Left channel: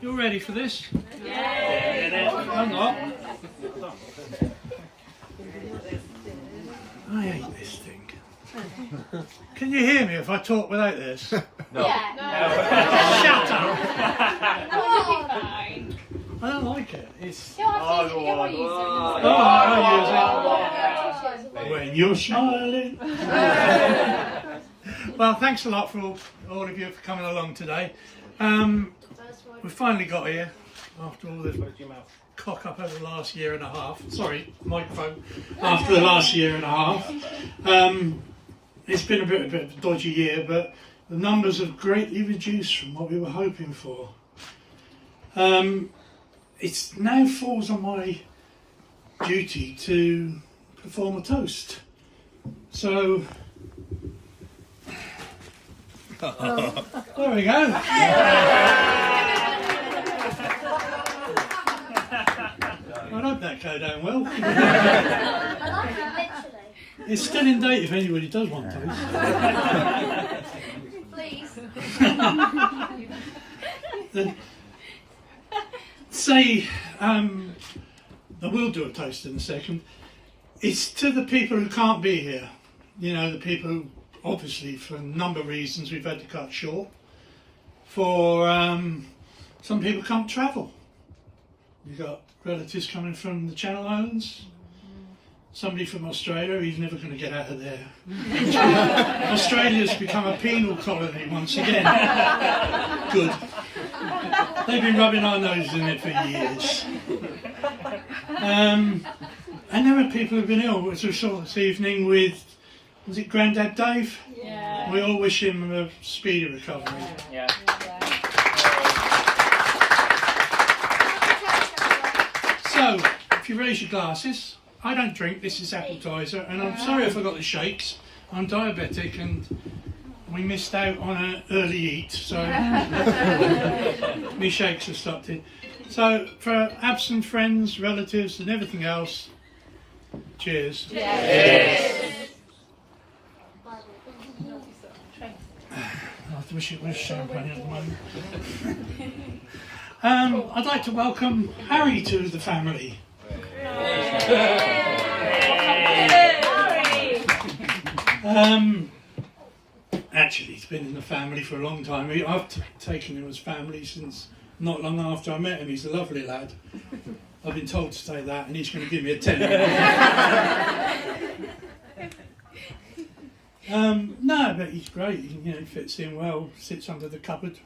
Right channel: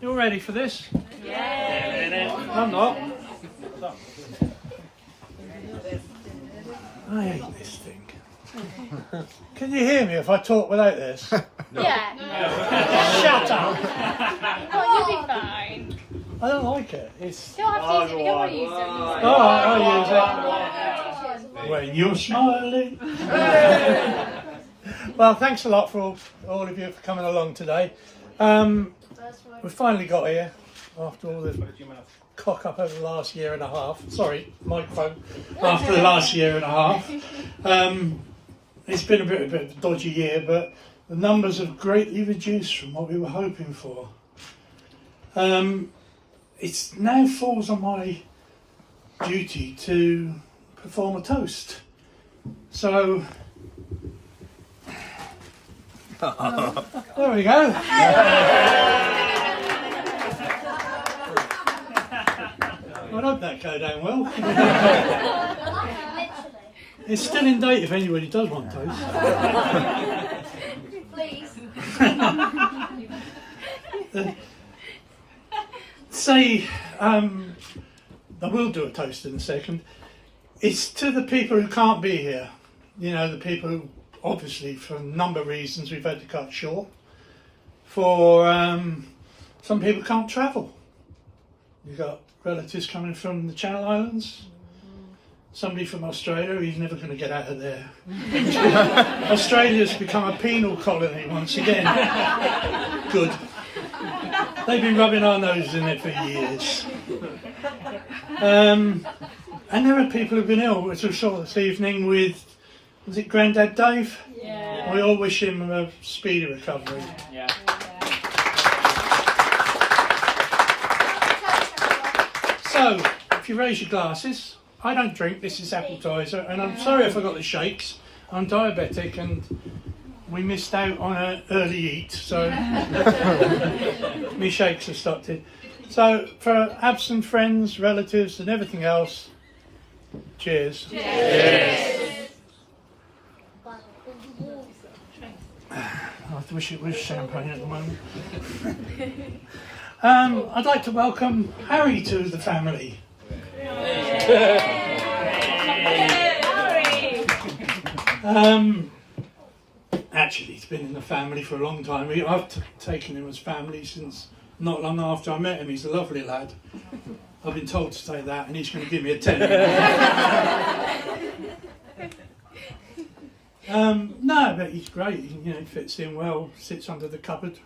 You all ready for this? Yeah. I'm not. I hate this thing. Can you hear me if I talk without this? No. Shut up! Fine. I don't like it. It's... I'll use it. When you're smiling. Well, thanks a lot for all of you for coming along today. We finally got here after all this cock up over the last year and a half. Sorry, microphone. After the last year and a half. It's been a bit of a dodgy year, but the numbers have greatly reduced from what we were hoping for. It now falls on my duty to perform a toast. So, there we go. I hope that go down well. It's still in date if anybody does want toast. Please. I will do a toast in a second. It's to the people who can't be here. You know, the people who, obviously, for a number of reasons, we've had to cut short. For some people can't travel. We've got relatives coming from the Channel Islands. Somebody from Australia, he's never going to get out of there. Australia's become a penal colony once again. Good. They've been rubbing our noses in it for years. And there are people who've been ill, as we saw this evening with, was it Grandad Dave? Yeah. We all wish him a speedy recovery. Yeah. So, if you raise your glasses, I don't drink, this is appetiser, and I'm sorry if I got the shakes. I'm diabetic and we missed out on an early eat, so my shakes have stopped it. So, for absent friends, relatives and everything else, cheers. Yes. I wish it was champagne at the moment. I'd like to welcome Harry to the family. Actually, he's been in the family for a long time. I've taken him as family since not long after I met him. He's a lovely lad. I've been told to say that, and he's going to give me a 10. No, but he's great. He fits in well. Sits under the cupboard.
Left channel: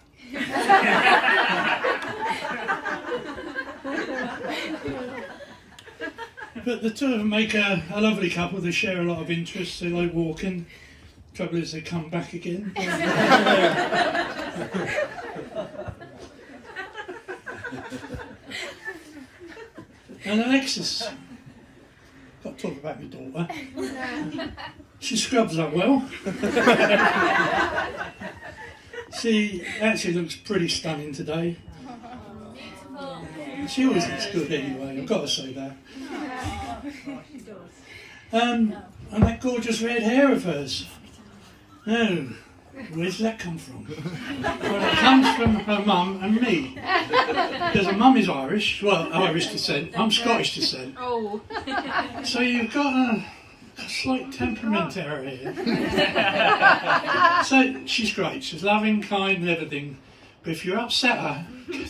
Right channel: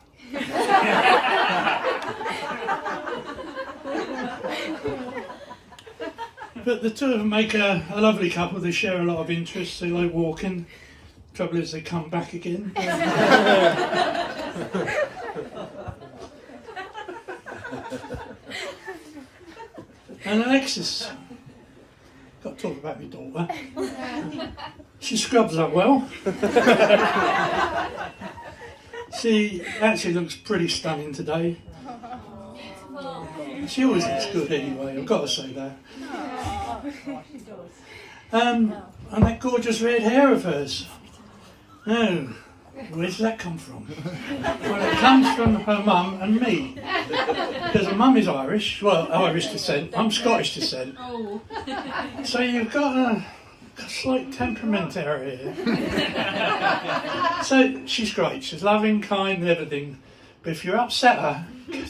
But the two of them make a lovely couple. They share a lot of interests. They like walking. Trouble is, they come back again. And Alexis, got to talk about my daughter. She scrubs up well. She actually looks pretty stunning today. She always looks good anyway, I've got to say that. And that gorgeous red hair of hers. Oh, where does that come from? Well, it comes from her mum and me. Because her mum is Irish, well, Irish descent. I'm Scottish descent. So you've got a slight temperament error here. So she's great. She's loving, kind and everything. But if you upset her,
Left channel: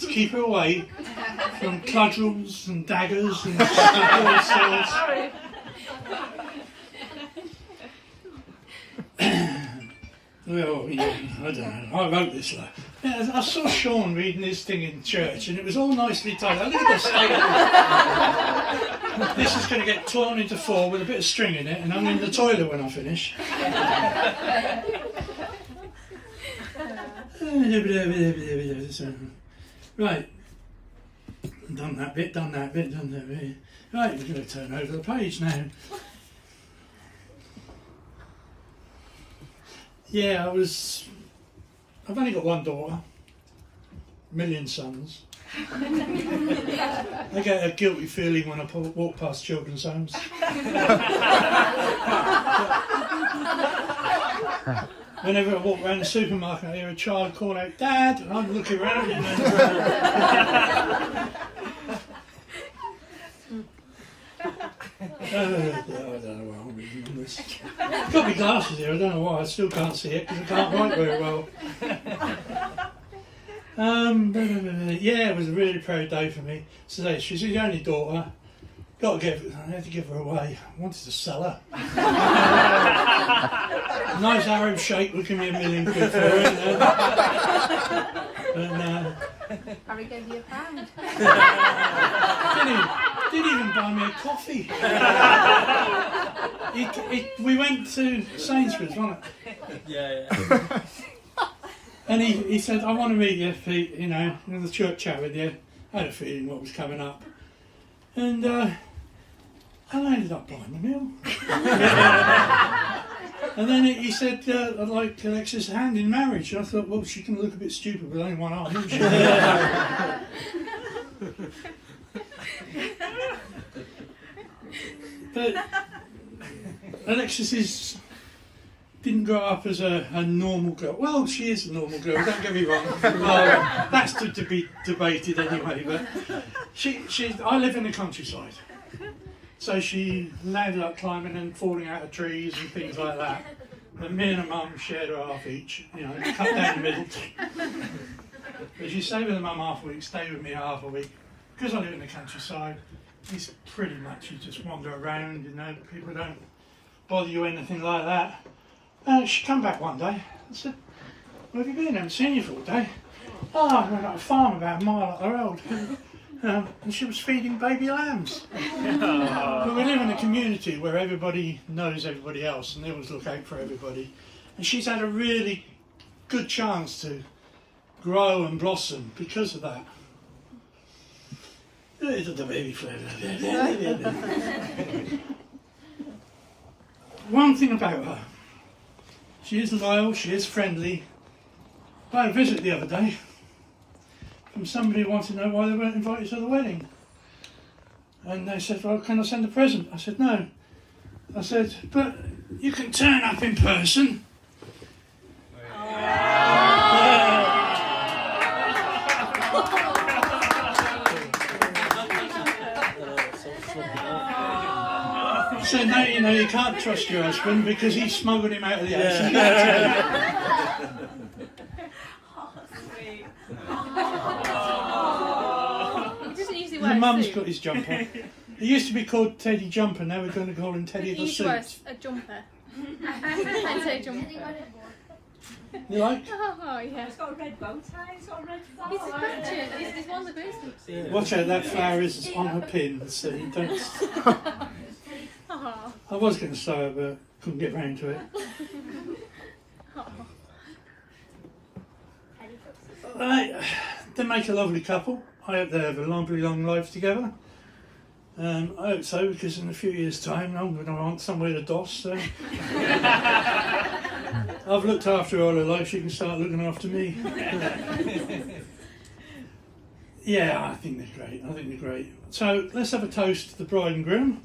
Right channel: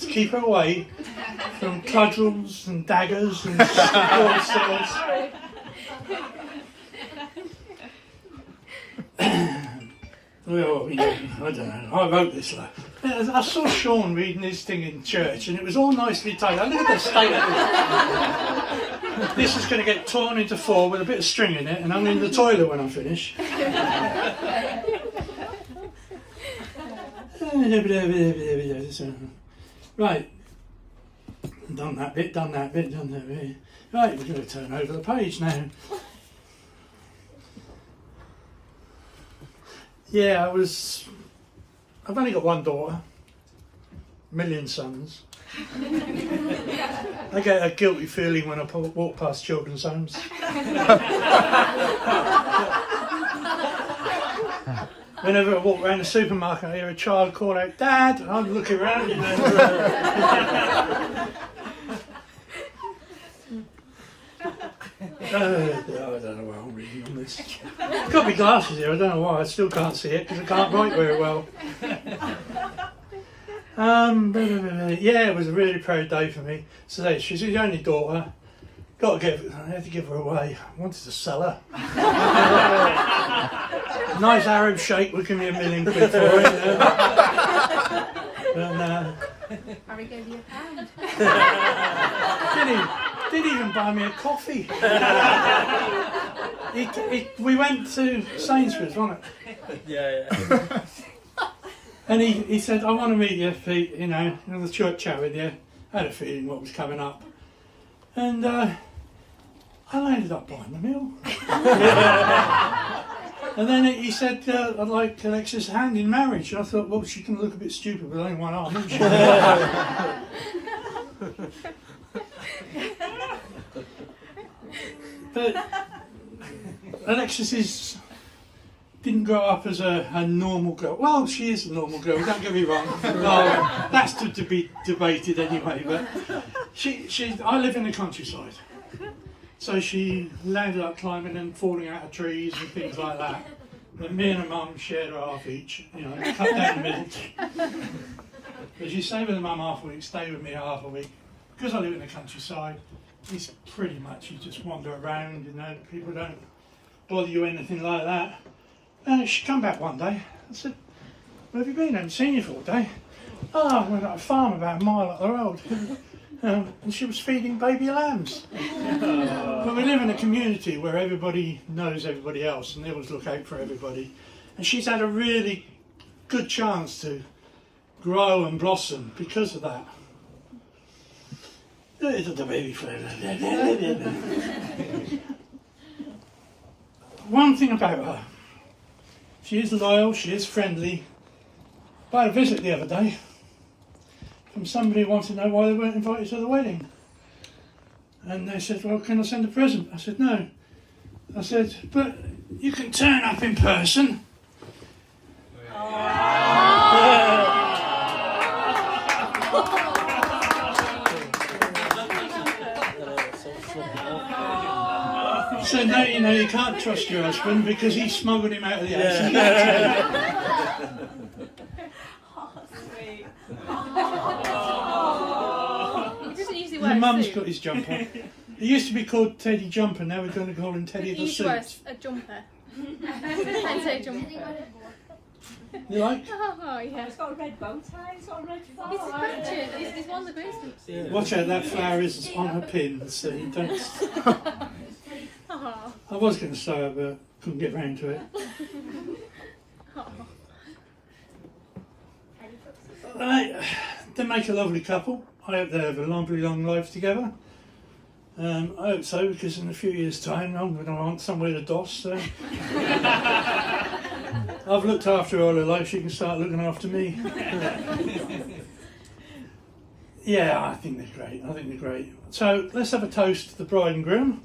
keep her away from cudgels and daggers and swords. Well, I don't know. I wrote this. I saw Sean reading his thing in church, and it was all nicely titled. Look at the state of this. This is going to get torn into 4 with a bit of string in it, and I'm in the toilet when I finish. Right. Done that bit. Right, we're going to turn over the page now. Yeah, I've only got one daughter, a million sons. I get a guilty feeling when I walk past children's homes. whenever I walk around the supermarket, I hear a child call out, "Dad!" and I'm looking around. And I don't know why I'm reading on this. I've got my glasses here, I don't know why, I still can't see it because I can't write very well. Yeah, it was a really proud day for me. So she's the only daughter. I had to give her away. I wanted to sell her. Nice Arab sheikh would give me £1 million for it. Harry gave you £1. Didn't even buy me a coffee. We went to Sainsbury's, wasn't it? Yeah. And he said, "I want to meet you, Pete, have a short chat with you." I had a feeling what was coming up. And I ended up buying the meal. And then he said, "I'd like Alexis' hand in marriage." I thought, well, she can look a bit stupid with only one arm, isn't she? But Alexis didn't grow up as a normal girl. Well, she is a normal girl, don't get me wrong. Well, that's to be debated anyway, but I live in the countryside. So she landed up climbing and falling out of trees and things like that. But me and her mum shared her half each, cut down the middle. But she stayed with her mum half a week, stay with me half a week. Because I live in the countryside, it's pretty much you just wander around, people don't bother you or anything like that. And she come back one day. I said, "Where have you been? I haven't seen you for a day." "Oh, I went up a farm about a mile up the road." And she was feeding baby lambs. But we live in a community where everybody knows everybody else and they always look out for everybody. And she's had a really good chance to grow and blossom because of that. The baby flower. One thing about her. She is loyal, she is friendly. I had a visit the other day from somebody who wanted to know why they weren't invited to the wedding. And they said, "Well, can I send a present?" I said, "No." I said, "But you can turn up in person." So now you can't trust your husband because he smuggled him out of the house. The mum's got his jumper. It used to be called Teddy Jumper, now we're going to call him Teddy the Suit. A jumper. I say jumper. You like? Oh, yeah. It's got a red bow tie, it's got a red flower. It's a picture. This one's a Christmas. Yeah. Watch out, that flower is on her pin, so you don't... Oh. I was going to say it, but couldn't get round to it. They make a lovely couple. I hope they have a lovely long life together. I hope so, because in a few years' time I'm going to want somewhere to doss. So. I've looked after her all her life, she can start looking after me. Yeah, I think they're great. So let's have a toast to the bride and groom.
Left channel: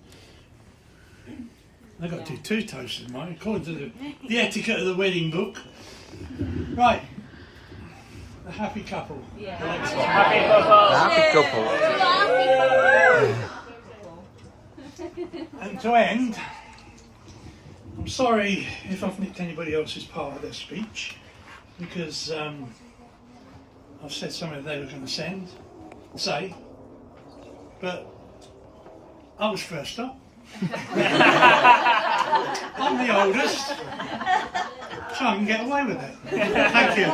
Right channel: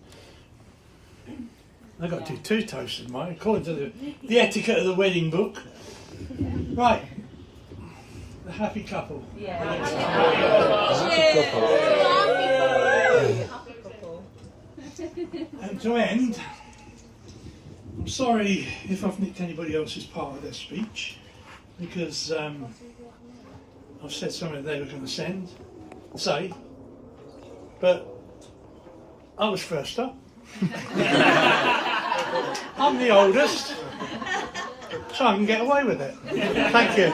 I've got to do 2 toasts in mine, according to the etiquette of the wedding book. Right. The happy couple. Yeah. Happy couple. And to end, I'm sorry if I've nicked anybody else's part of their speech, because I've said something that they were going to say, but I was first up. I'm the oldest, so I can get away with it. Thank you.